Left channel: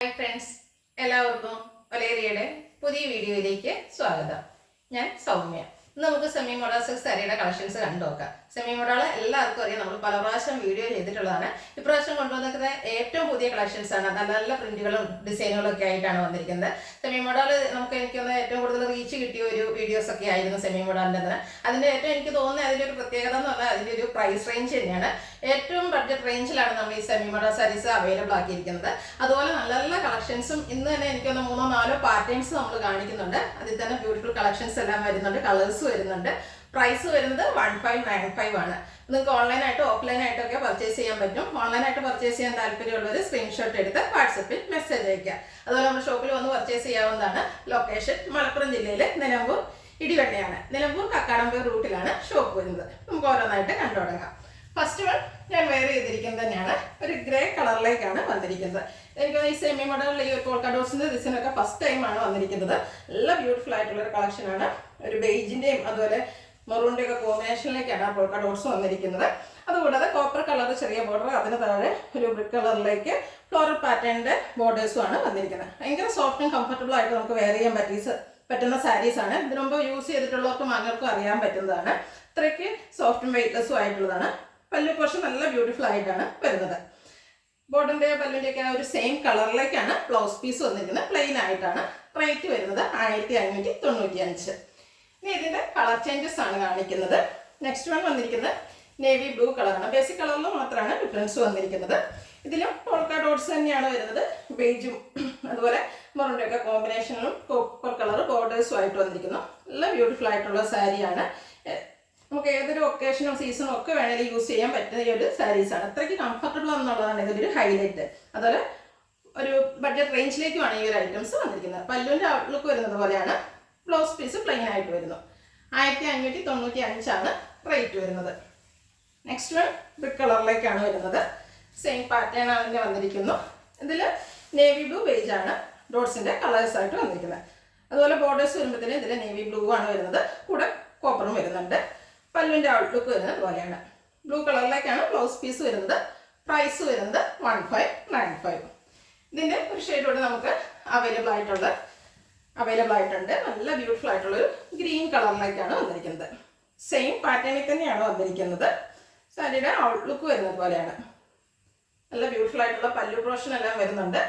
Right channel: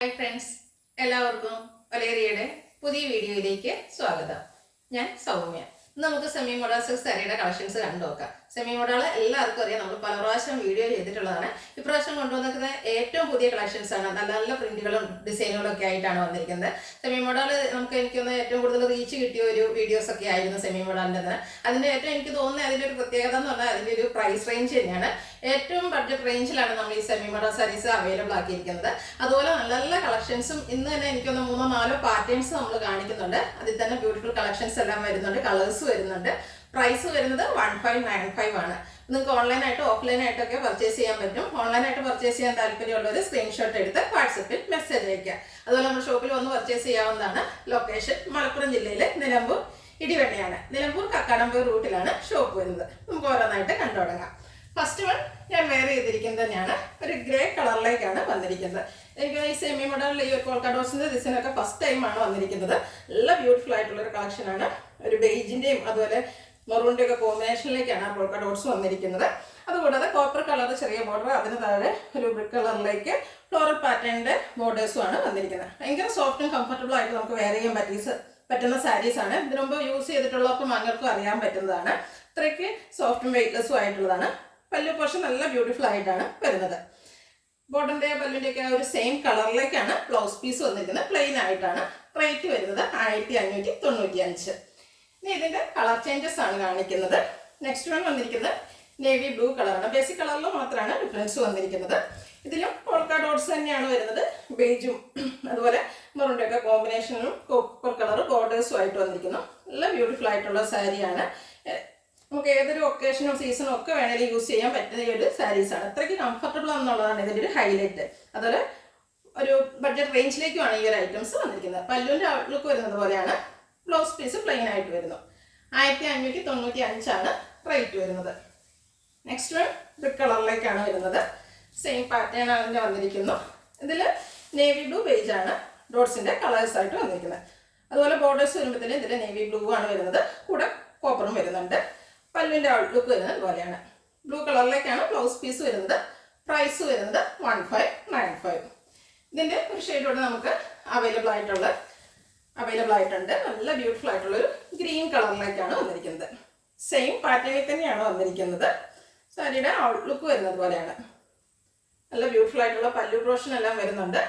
Hi friends, എല്ലാവർക്കും ഒലേറിയയുടെ പുതിയ വീഡിയോയിലേക്ക് സ്വാഗതം. ഞാൻ സൗമ്യ. ഇന്ന് നമുക്ക് സെമി മോഡൽ സിൽക്ക് സാരിയുടെ കളക്ഷൻസ് കണ്ടു നോക്കാം. സെമി മോഡൽ എല്ലാവർക്കും അറിയാം, നമ്മൾ പല പ്രാവശ്യം വീഡിയോ ചെയ്തിട്ടുള്ളതാണ്. ഇപ്രാവശ്യം കൊണ്ടുവന്നിരിക്കുന്ന ഏറ്റവും പുതിയ കളക്ഷൻസ് ആണ്. നല്ല നല്ല പ്രിന്റുകളും ഡിസൈനുകളും ഒക്കെ ആയിട്ടാണ് വന്നിരിക്കുന്നത്. സെമി മോഡൽ എനിക്കൊന്ന് ഏറ്റവും കൂടുതൽ റീച്ച് കിട്ടിയ ഒരു വീഡിയോസ് ഒക്കെ ആയിരുന്നു സെമി മോഡലിൻ്റെ. അതിൻ്റെ ഏറ്റവും എനിക്ക് തോന്നുന്നത് അതിൻ്റെ ഒരു പ്രത്യേകത എന്ന് പറഞ്ഞാൽ അതിൻ്റെ ഒരു പ്രൈസ് റേഞ്ച് തന്നെയാണ്. ഏറ്റവും ബഡ്ജറ്റ് റേഞ്ചിലാണ് നമ്മൾ ഈ സെമി മോഡൽ സാരീസ് അവൈലബിൾ ആക്കിയിരിക്കുന്നത്. അതുപോലെ നല്ല നല്ല കളക്ഷൻസും ഇന്ന് തന്നെ എനിക്കൊന്ന് 3-4 പാറ്റേൺസ് നമ്മൾ കാണിക്കുന്നുണ്ട്. അതിൽ തന്നെ ബ്യൂട്ടിഫുൾ കളക്ഷൻസ് എല്ലാം വരുന്നുണ്ട്, കളേഴ്സ് വരുന്നുണ്ട്. പ്രൈസ് വരുന്നത് 1595 ആണ്. നിങ്ങൾക്ക് ഓൺലൈനായിട്ടും ഓഫ്ലൈനായിട്ടൊക്കെ പർച്ചേസ് ചെയ്യാൻ പറ്റും. ഓൺലൈനായിട്ട് പർച്ചേസ് ചെയ്യാൻ താല്പര്യമുള്ളവർ സ്ക്രീൻഷോട്ട് എടുത്ത് വാട്സപ്പിൽ മെസ്സേജ് അയക്കുക. അതുപോലെ നമ്മുടെ ഷോപ്പിൽ വന്ന് പർച്ചേസ് ചെയ്യാവുന്നതാണ്. ലൊക്കേഷൻ മലപ്പുറം ജില്ലയിലെ നിലമ്പൂർ ഇടിവണ്ണയാണ്. നിലമ്പൂർ കക്കാടമ്പൂർ റൂട്ടിലാണ് ഷോപ്പ് വരുന്നത്. നമുക്ക് ഓരോന്നായിട്ട് കണ്ടു തുടങ്ങാം. ഫസ്റ്റ് വൺ ഞാൻ വെയർ ചെയ്തിരിക്കുന്നത് തന്നെയാണ്. ഒരു ഗ്രേ കളറിലേക്കാണ് വന്നിരിക്കുന്നത്. എനിക്ക് ഈ സെമി മോഡലിൽ ഈ ഒരു പോൾക്ക ഡോട്ട്സിന്റെ ഡിസൈനൊക്കെ ഫസ്റ്റ് ടൈമാണ് വന്നിരിക്കുന്നത്. നല്ല ബ്യൂട്ടിഫുൾ ആയിട്ടുള്ള ഒരു കളക്ഷനാണ്. ഒരു ബെയ്ജിന്റെയും അതുപോലെ മെറൂണിന്റെ ഒക്കെ കോമ്പിനേഷനിലേക്കാണ് ആ പോൾക്ക ഡോട്ട്സ് വന്നിരിക്കുന്നത്. അതുകൂടാതെ കോപ്പർ കളർ ചെറിയ ബോർഡർ, അതിന് താഴെ ഒരു ബ്രിക്ക് കളറിലേക്ക് ഫ്ലോറൽ പാറ്റേണിന്റെ ബോർഡേഴ്സും ആണ് വന്നിരിക്കുന്നത്. ഭയങ്കര സോഫ്റ്റും കംഫർട്ടബിൾ ആയിട്ട് നമുക്ക് വെയർ ചെയ്യാൻ പറ്റുന്ന സാരീസ് ആണ്. ഇതിനു മുമ്പ് യൂസ് ചെയ്തിട്ടുള്ളവർക്കും അങ്ങൾക്കും അറിയാൻ പറ്റുന്നതാണ്. അത്രയ്ക്ക് സോഫ്റ്റും വെയ്റ്റ്ലെസ്സും ആയിട്ടുള്ളതാണ്. പല്ലു പോർഷൻ നല്ല ബ്യൂട്ടിഫുൾ ആയിട്ടാണ് വരുന്നത്. ബോർഡറിന്റെ പല്ലിന്റെ ഒക്കെ ഒരു സെയിം കളറിലേക്കാണ് ബ്ലൗസ് പീസ് വന്നിരിക്കുന്നത്. പ്ലെയിൻ ആയിട്ടാണ്. റേറ്റ് വരുന്നത് 1595. ഇനി ഇതിന്റെ കളർ ചേഞ്ചസ് ആണ് കാണിക്കുന്നത്. നെക്സ്റ്റ് വൺ വന്നിരിക്കുന്നത് നേവി ബ്ലൂ കളറാണ്. ബേസിക് കളറിൽ മാത്രമാണ് ഡിഫറൻസ് വന്നിരിക്കുന്നത്. ഇതിലും പോൾക്ക ഡോട്ട്സ് തന്നെയാണ് വരുന്നത്. ബേജും അതുപോലെ മെറൂണിന്റെ ഒക്കെ കോമ്പിനേഷനിലും കോപ്പർ കളർ ബോർഡേഴ്സും ആയിട്ട് വന്നിരിക്കുന്നു. നല്ല ബ്യൂട്ടിഫുൾ ആയിട്ടുള്ള സാരിയാണ്. നമുക്ക് ഏതൊരു ഒക്കേഷനും സീസണും ഒക്കെ വേണമെങ്കിൽ യൂസ് ചെയ്യാൻ പറ്റുന്ന ഈ ഒരു സാരീസാണ്. അത്രയ്ക്ക് കംഫർട്ടബിൾ എന്നുള്ളതാണ് ഇതിൻ്റെ ഒരു ഹൈലൈറ്റ്. അതുപോലെ ഒരു ബഡ്ജറ്റ് റേഞ്ചിലേക്കുമാണ് ഈ ഒരു ഐറ്റംസ് വന്നിരിക്കുന്നത്. പല്ലുവിൻ്റെ ഔട്ട്ലുക്ക് വരുന്നത് പോലെയാണ്. ബ്ലൗസ് പീസ് പ്ലെയിൻ ആയിട്ട് വരുന്നു. 1595 ആണ് റേറ്റ് വരുന്നത്. നെക്സ്റ്റ് വൺ ബ്രിക്ക് കളറിലേക്കാണ് വരുന്നത്. സെയിം പാറ്റേൺ അതിൻ്റെ വന്നിരിക്കുന്നു. ഇതിൽ നേവി ബ്ലൂ ബേജ് ആണ് ഡോട്ട്സിൻ്റെ കളേഴ്സ് ആയിട്ട് വന്നിരിക്കുന്നത്. അതുപോലെ ബോർഡേഴ്സ് വരുമ്പോഴത്തേനും ഇതിൽ നേവി ബ്ലൂ ആണ് വരുന്നത്. കൂടെ കോപ്പറും വരുന്നുണ്ട്. പല്ലുവിൻ്റെ ഔട്ട്ലുക്ക് വരുന്നത് പോലെയാണ്. ബ്ലൂ കളറിലേക്കാണ് ബ്ലൗസ് പീസ് വരുന്നത്. പ്രൈസ് വരുന്നത് 1595. ഇതിൻ്റെ ഒരു ഷെയ്ഡോട് നമുക്ക് അവൈലബിൾ ആയിട്ടുണ്ട്. നല്ല ബ്യൂട്ടിഫുൾ ആയിട്ടുള്ളൊരു ഗ്രീൻ കളറിലേക്കാണ് വന്നിരിക്കുന്നത്. സെയിം പാറ്റേണിൽ തന്നെയാണ് വന്നിരിക്കുന്നത്. സാരിയുടെ ഔട്ട്ലുക്ക് വരുന്നത് പോലെയാണ്. നല്ല ബ്യൂട്ടിഫുൾ ആയിട്ടുള്ള പല്ലു പോർഷൻ എല്ലാം വരുന്നുണ്ട്.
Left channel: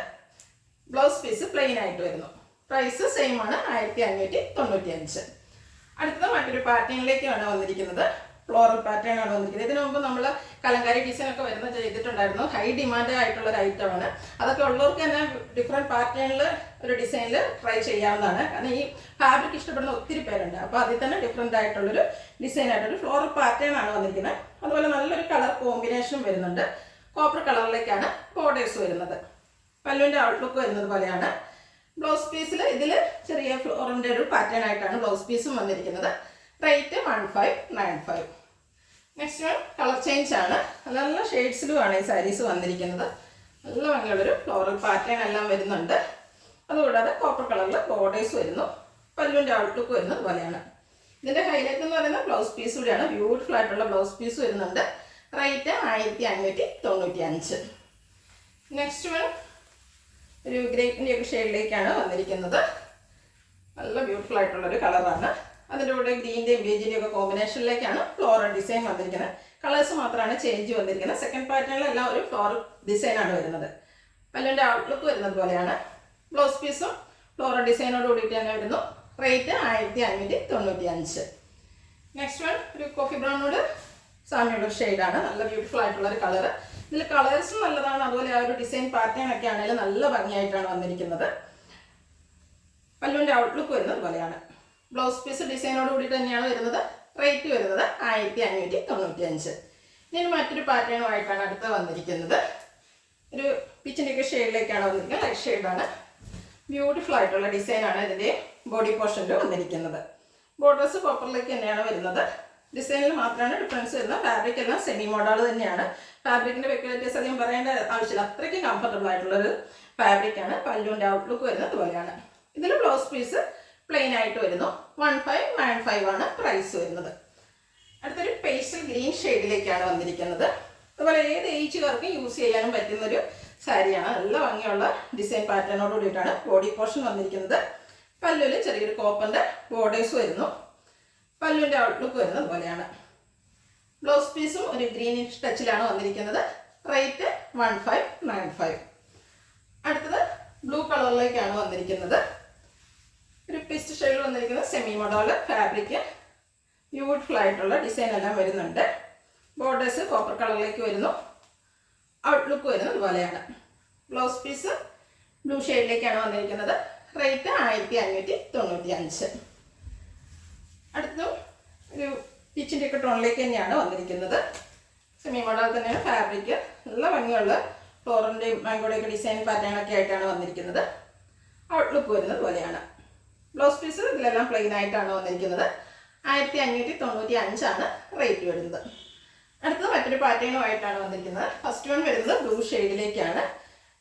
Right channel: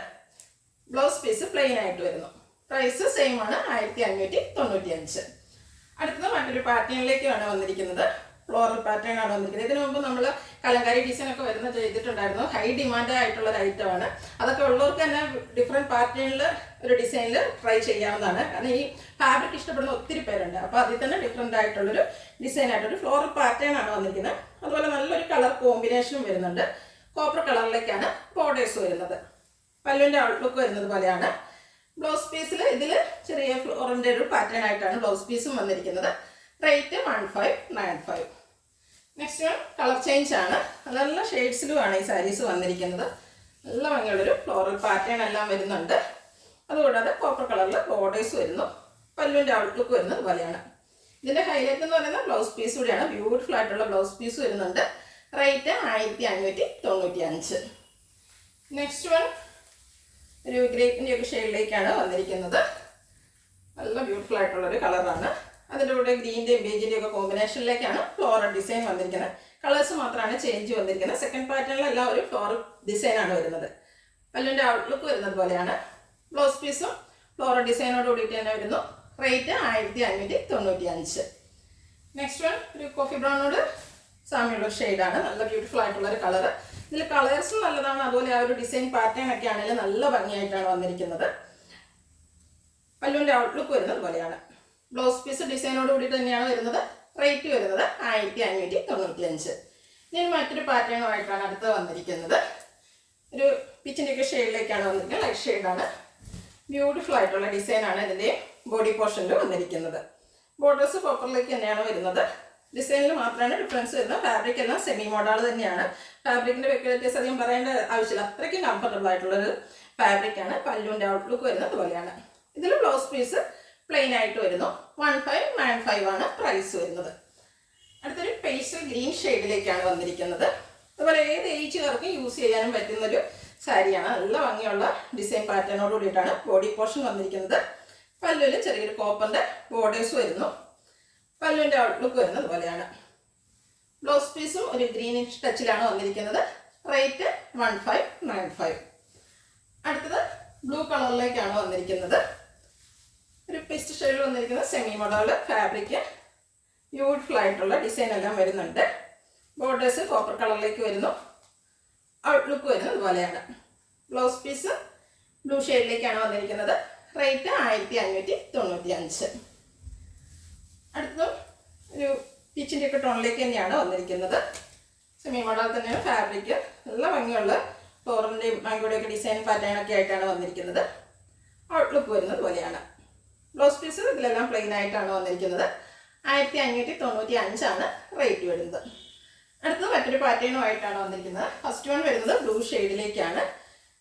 ബ്ലൗസ് പീസ് പ്ലെയിൻ ആയിട്ട് വരുന്നു. പ്രൈസ് സെയിം ആണ്, 1595. അടുത്തത് മറ്റൊരു പാറ്റേണിലേക്കാണ് വന്നിരിക്കുന്നത്. ഫ്ലോറൽ പാറ്റേൺ ആണ് വന്നിരിക്കുന്നത്. ഇതിനു മുമ്പ് നമ്മൾ കലങ്കാരി ഡിസൈൻ ഒക്കെ ചെയ്തിട്ടുണ്ടായിരുന്നു. ഹൈ ഡിമാൻഡ് ആയിട്ടുള്ള ഒരു ഐറ്റമാണ്. അതൊക്കെ ഉള്ളവർക്ക് തന്നെ ഡിഫറെൻറ്റ് പാറ്റേണിൽ ഒരു ഡിസൈനിൽ ട്രൈ ചെയ്യാവുന്നതാണ്. കാരണം ഈ ഫാബ്രിക് ഇഷ്ടപ്പെടുന്ന ഒത്തിരി പേരുണ്ട്. അപ്പോൾ അതിൽ തന്നെ ഡിഫറെൻ്റ് ആയിട്ടുള്ളൊരു ഡിസൈനായിട്ടൊരു ഫ്ലോറൽ പാറ്റേൺ ആണ് വന്നിരിക്കുന്നത്. അതുപോലെ നല്ലൊരു കളർ കോമ്പിനേഷനും വരുന്നുണ്ട്. കോപ്പർ കളറിലേക്കാണ് ബോർഡേഴ്സ് വരുന്നത്. പല്ലുവിൻ്റെ ഔട്ട്ലുക്ക് വരുന്നത് പോലെയാണ്. ബ്ലൗസ് പീസിൽ ഇതിൽ ചെറിയ ഫ്ലോറിൻ്റെ ഒരു പാറ്റേൺ ആയിട്ടാണ് ബ്ലൗസ് പീസും വന്നിരിക്കുന്നത്. Rate 1595. Next one colour change ആണ്. നല്ല നല്ല ഷെയ്ഡ്സിലുമാണ് ഈ സാരീസ് വന്നിരിക്കുന്നത്. നല്ല ഭംഗിയുള്ളൊരു ഫ്ലോറൽ പാറ്റേൺ എല്ലാം വരുന്നുണ്ട്. അതുകൂടാതെ കോപ്പർ കളറിൽ ബോർഡേഴ്സ് വരുന്നു. പല്ലുവിൻ്റെ ഔട്ട്ലുക്ക് വരുന്നത് പോലെയാണ്. ഇതിൻ്റെ ഹൈലൈറ്റ് എന്ന് പറയുന്നത് ബ്ലൗസ് പീസ് കൂടിയാണ്. ബ്യൂട്ടിഫുൾ ആയിട്ടുള്ള ബ്ലൗസ് പീസ് വരുന്നുണ്ട്. റേറ്റ് 1595. നെക്സ്റ്റ് വൺ ഒരു ഗ്രേപ്പിൻ്റെ ഒക്കെ ഷെയ്ഡിലേക്കാണ് വന്നിരിക്കുന്നത്. നല്ല ബ്യൂട്ടിഫുൾ ആയിട്ടുള്ളൊരു കളറാണ്. അതിൻ്റെ കൂടെ ഗ്രീൻ്റെയും ബേജിൻ്റെയും ഒക്കെ കോമ്പിനേഷനിലേക്കാണ് ഫ്ലോറൽ ഡിസൈൻ വന്നിരിക്കുന്നത്. കളേഴ്സ് മാത്രമാണ് ചേഞ്ച് വന്നിരിക്കുന്നത്. സെക്കൻഡ് പാറ്റേണിലെല്ലാം ഒരു ഫ്ലോറൽ ഡിസൈനാണ് വരുന്നത്. പല്ലിൻ്റെ ഔട്ട്ലുക്ക് വരുന്നത് പോലെയാണ്. ബ്ലൗസ് പീസും ഫ്ലോറൽ ഡിസൈനോട് കൂടിയിട്ട് തന്നെ വരുന്നു. റേറ്റ് 1595. നെക്സ്റ്റ് വൺ ഒരു കോഫി ബ്രൗണിനോട് സാമ്യമുള്ള ഷെയ്ഡാണ്. നല്ല ബ്യൂട്ടിഫുൾ ആയിട്ടുള്ളൊരു കളറ്. ഇതിൽ കളേഴ്സും നല്ലതാണ്. അതുപോലെ ആ ഒരു ഡിസൈൻ പാറ്റേൺ ഒക്കെ ആണെങ്കിലും നല്ല ഭംഗിയായിട്ടാണ് വന്നിരിക്കുന്നത്. പല്ലുവിൻ്റെ ഔട്ട്ലുക്ക് വരുന്നത് പോലെയാണ്. ബ്ലൗസ് പീസ് ഡിസൈനോട് കൂടി തന്നെയാണ് വരുന്നത്. റേറ്റ് വരുന്നത് 1595. ഇനി മറ്റൊരു പാറ്റേണുമായിട്ടാണ് അടുത്ത് വന്നിരിക്കുന്നത്. ഒരു പിച്ചിൻ്റെ ഒക്കെ ഷെയ്ഡിലേക്കാണ് വന്നിരിക്കുന്നത്. ലൈറ്റ് ഷെയ്ഡാണ്. ബ്യൂട്ടിഫുൾ ആയിട്ടുള്ള ഡിസൈനാണ് ഇതിൻ്റെ ബോഡി പോർഷനിൽ വന്നിരിക്കുന്നത്. ബോർഡേഴ്സ് കോപ്പറിലേക്ക് തന്നെയാണ് വരുന്നത്. ഡിസൈനിൽ മാത്രമാണ് ഡിഫറൻസ് വരുന്നത്. ഫാബ്രിക് എല്ലാം സെമി മോഡൽ തന്നെയാണ്. ഫാബ്രിക്കിൻ്റെ വ്യത്യാസം അധികം പറയേണ്ട ആവശ്യമില്ല. അത്രയ്ക്കും കംഫർട്ടബിൾ ആയിട്ടുള്ളൊരു ഫാബ്രിക്കാണ്. പല്ലുവിൻ്റെ ഔട്ട്ലുക്ക് വരുന്നത് പോലെയാണ്. ഇതിൽ ബ്ലൗസ് പീസ് പ്ലെയിൻ ആയിട്ട് വരുന്നു. 1595 ആണ് പ്രൈസ് വരുന്നത്. അടുത്തൊരു പേസ്റ്റൽ ഗ്രീൻ ഷെയ്ഡിലേക്കാണ് വന്നിരിക്കുന്നത്. അതുപോലെ ഏത് ഏജുകാർക്കും യൂസ് ചെയ്യാനും പറ്റുന്നൊരു സാരിയാണ്. നല്ല ഭംഗിയുള്ള ഡിസൈൻ പാറ്റേണോട് കൂടിയിട്ടാണ് ബോഡി പോർഷൻ വന്നിരിക്കുന്നത്. പല്ലുവിൽ ചെറിയൊരു കോപ്പറിൻ്റെ ബോർഡേഴ്സ് വരുന്നു. പല്ലുവിൻ്റെ ഔട്ട്ലുക്ക് വരുന്നത് പോലെയാണ്. ബ്ലൗസ് പീസും ഒരു ഗ്രീനിഷ് ടച്ചിലാണ് വന്നിരിക്കുന്നത്. റേറ്റ് 1595. അടുത്തത് ബ്ലൂ കളറിലേക്കാണ് വന്നിരിക്കുന്നത്. ഒരു പിസ്റ്റ് ഷെയ്ഡിൽ വന്നിരിക്കുന്ന സെമി മോഡൽ ഫാബ്രിക്, ബ്യൂട്ടിഫുൾ ആയിട്ടുള്ള ഡിസൈൻ എല്ലാം വരുന്നുണ്ട്. ബോർഡേഴ്സ് കോപ്പർ കളറിലേക്ക് വരുന്നു. ഔട്ട്ലുക്ക് വരുന്നത് ഇതുപോലെയാണ്. ബ്ലൗസ് പീസ് ബ്ലൂ ഷെയ്ഡിലേക്കാണ് വന്നിരിക്കുന്നത്. റേറ്റ് 1595. അടുത്തതും ഒരു പീച്ചിൻ്റെ ഒക്കെ ടോണിലേക്ക് തന്നെയാണ് വന്നിരിക്കുന്നത്. സെമി മോഡൽ തന്നെയാണ് ഫാബ്രിക്. നല്ല ഭംഗിയുള്ള ഫ്ലോറിൻ്റെയും മാംഗോയുടെയൊക്കെ ഡിസൈൻ പാറ്റേണൊക്കെ ആയിട്ടാണ് വന്നിരിക്കുന്നത്. ഔട്ട്ലുക്ക് വരുന്നത് പോലെയാണ്. ബ്ലൗസ് പീസ് ഇതിലെല്ലാം പ്ലെയിൻ ആയിട്ടാണ് വന്നിരിക്കുന്നത്. 1595 റേറ്റ് വരുന്നത്. അടുത്തത് മറ്റൊരു പാറ്റേണുമായിട്ടാണ് വന്നിരിക്കുന്നത്. ഫസ്റ്റ് വൺ വരുന്നത് ബ്ലൂ ഷെയ്ഡിലേക്കാണ്.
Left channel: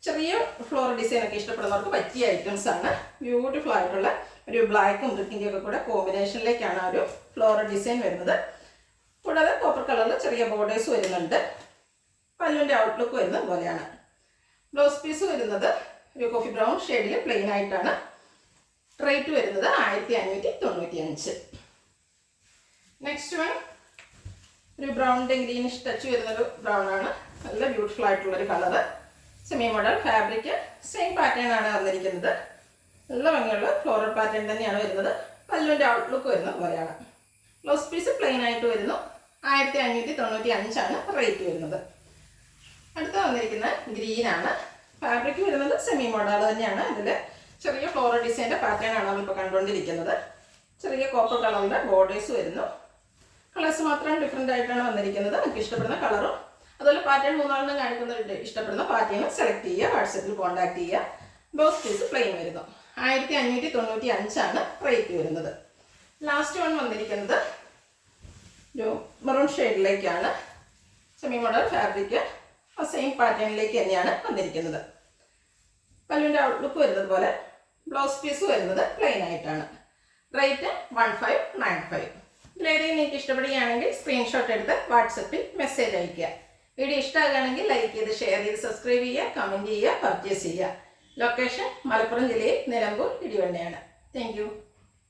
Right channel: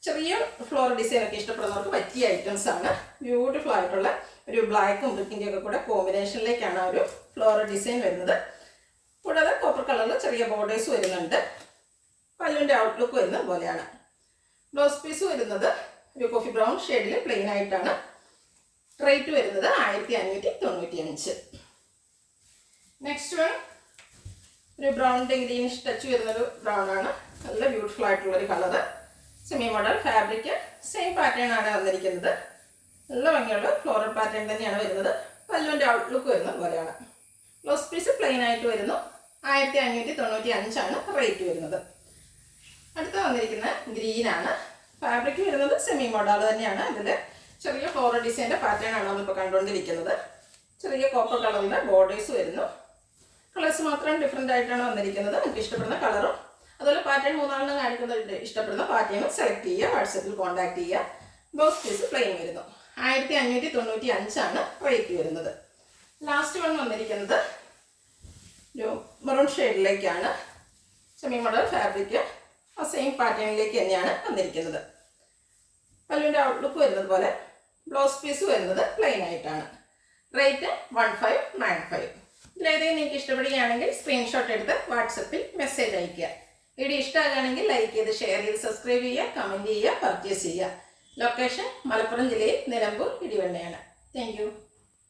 ചെറിയ ഫ്ലോർ ഡിസൈൻ ഒക്കെ ഇഷ്ടപ്പെടുന്നവർക്ക് പറ്റിയ ഐറ്റംസ് ആണ്. ബ്യൂട്ടിഫുൾ ആയിട്ടുള്ള ഒരു ബ്ലാക്കും ബ്രിക്കിൻ്റെയും ഒക്കെ കൂടെ കോമ്പിനേഷനിലേക്കാണ് ആ ഒരു ഫ്ലോർ ഡിസൈൻ വരുന്നത്. കൂടാതെ കോപ്പർ കളറിൽ ചെറിയ ബോർഡേഴ്സ് വരുന്നുണ്ട്. പല്ലുവിൻ്റെ ഔട്ട്ലുക്ക് വരുന്നത് പോലെയാണ്. ബ്ലൗസ് പീസ് വരുന്നത് ഒരു കോഫി ബ്രൗൺ ഷെയ്ഡിൽ പ്ലെയിൻ ആയിട്ടാണ്. റേറ്റ് വരുന്നത് 1595. നെക്സ്റ്റ് വൺ ഒരു ബ്രൗണിൻ്റെ ഗ്രീനിഷ് ടച്ച് വരുന്നൊരു ബ്രൗൺ ആണ്. നല്ല ബ്യൂട്ടിഫുൾ ആയിട്ടുള്ളൊരു colour. Semi model fabric, same pattern ആണ് വന്നിരിക്കുന്നത്. നല്ല ഭംഗിയുള്ള ഫ്ലോറൽ പാറ്റേൺ തന്നെയാണ് വരുന്നത്. പല്ലുവിൻ്റെ ഔട്ട്ലുക്ക് വരുന്നത് പോലെയാണ്. ബ്ലൗസ് പീസ് പ്ലെയിൻ ആയിട്ട് വരുന്നു. 1595 റേറ്റ് വരുന്നത്. അടുത്ത് വന്നിരിക്കുന്ന ഗ്രീനാണ്. ഫാബ്രിക് വരുന്നത് സെമി മോഡൽ തന്നെയാണ്. ഇതിൽ ചെറിയ ഫ്ലോറൽ ഡിസൈൻ്റെ പാറ്റേൺ ആണ് നമ്മളിപ്പോൾ കണ്ടുകൊണ്ടിരിക്കുന്നത്. ചെറിയ കോപ്പർ കളറിൻ്റെ ബോർഡേഴ്സ് വരുന്നു. കളേഴ്സ് മാത്രം ഡിഫറെൻ്റ് ആയിട്ടാണ് വന്നിരിക്കുന്നത്. നിങ്ങൾക്ക് ഇഷ്ടപ്പെടുന്ന കളറും അതുപോലെ പാറ്റേൺ 3 കാണിക്കുന്നുണ്ട്. ഇഷ്ടപ്പെടുന്ന പാറ്റേൺ സെലക്ട് ചെയ്യുക, വാട്സപ്പിൽ കോൺടാക്ട് ചെയ്യുക. ബ്ലൗസ് പീസ് പ്ലെയിൻ വരുന്നു. 1595 റേറ്റ് വരുന്നത്. ലാസ്റ്റ് വൺ വന്നിരിക്കുന്നത് ഒരു മെറൂൺ ഷെയ്ഡിലേക്കാണ്. സെമി മോഡൽ ഫാബ്രിക്, ആ സെയിം പാറ്റേണിലേക്ക് തന്നെയാണ് വന്നിരിക്കുന്നത്. പല്ലുവിൻ്റെ ഔട്ട്ലുക്ക് വരുന്നത് പോലെ. ബ്ലൗസ് പീസ് വരുന്നത് പ്ലെയിൻ ആയിട്ടാണ്. റേറ്റ് 1595. ഇതിലേതെങ്കിലും നിങ്ങൾക്ക് ഇഷ്ടപ്പെടുകയാണെങ്കിൽ സ്ക്രീൻഷോട്ട് എടുത്ത് വാട്സപ്പിൽ മെസ്സേജ് അയയ്ക്കുക. വീഡിയോ ഇഷ്ടമാകുകയാണെങ്കിൽ ലൈക്ക് ചെയ്ത്, ഷെയർ ചെയ്ത്, സബ്സ്ക്രൈബ് ചെയ്യുക, കമൻറ്റ് ചെയ്യുക, പർച്ചേസ് ചെയ്യുക. ലൊക്കേഷൻ മലപ്പുറം ജില്ലയിൽ നിലമ്പൂർ ഇടിവണ്ണയാണ്. Thank you.